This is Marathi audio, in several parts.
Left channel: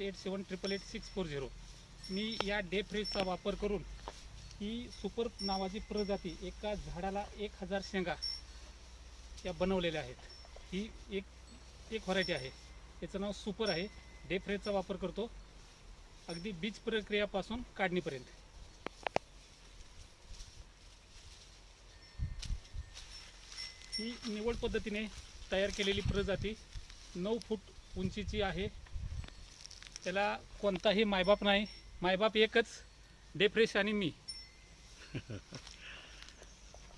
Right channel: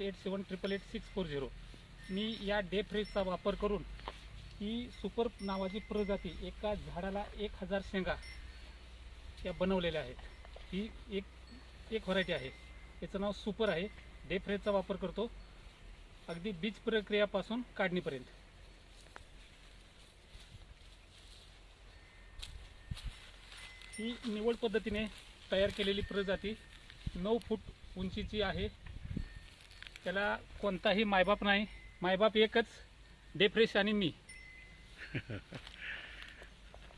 87888640 मी या डे फ्रेशचा वापर करून ही सुपर नावाची प्रजाती एका झाडाला 1000 शेंगा या बनवलेल्या आहेत. ही एक व्हरायटी आहे, याचं नाव सुपर आहे. डे फ्रेशचा वापर करतो अगदी बीज प्रक्रियापासून काढणीपर्यंत. ही निवड पद्धतीने तयार केलेली प्रजाती 9 फूट उंचीची आहे. त्याला कोणताही मायबाप नाही, मायबाप एकच, डे फ्रेश आणि मी.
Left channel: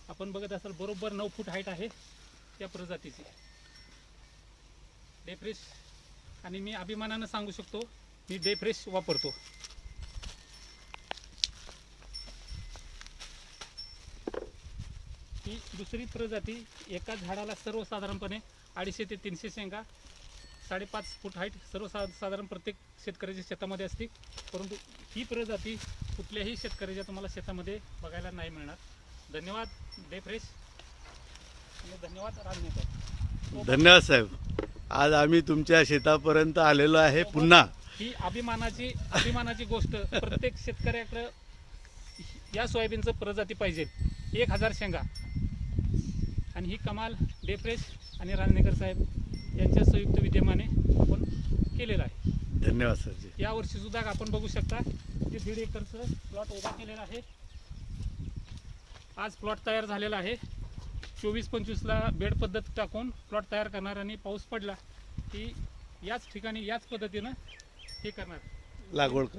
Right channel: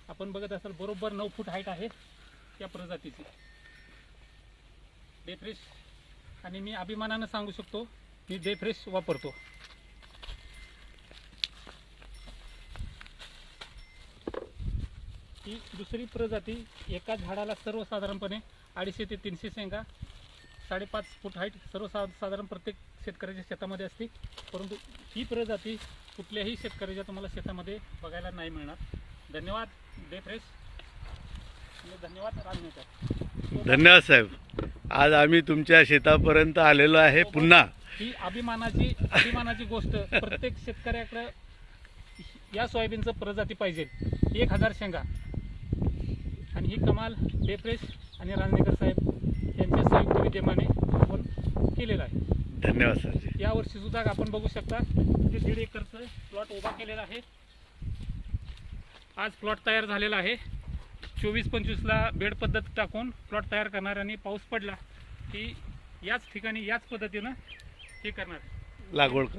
आपण बघत असाल बरोबर 9 फूट हाईट आहे त्या प्रजातीची डे फ्रेश. आणि मी अभिमानानं सांगू शकतो मी डे फ्रेश वापरतो. ही दुसरी प्रजाती एका झाडाला सर्वसाधारणपणे 250 ते 300 शेंगा, 5.5 फूट हाईट सर्वसाधारण प्रत्येक शेतकऱ्याच्या शेतामध्ये असते. परंतु ही प्रजाती कुठल्याही शेतकऱ्याच्या तुम्हाला शेतामध्ये बघायला नाही मिळणार. धन्यवाद डे फ्रेश आणि धन्यवाद राजनेकर. धन्यवाद साहेब. आज आम्ही तुमच्या शेतापर्यंत आलेलो आहे पुन्हा. ही अभिमानाची गोष्ट. प्रत्येक शेतकऱ्याकडे या सोयाबीनचं प्रजाती पाहिजे. 1000 शेंगा. आणि ही कमाल डे फ्रेश आणि राजनेकर साहेब यांच्या संयुक्त विद्यमाने आपण केलेलं आहे. धन्यवाद सरजी. यावर्षी सुद्धा आपण बघू शकता जे 1.5 एकरचं प्लॉट उभा केलेला आहे. आज प्लॉट तयार झालेला आहे. 24-25ला बेड पद्धत टाकून प्लॉट तयार करणार आणि पाऊस पडला की याच ठिकाणी याच पद्धतीनं हे करणार, लागवड कर.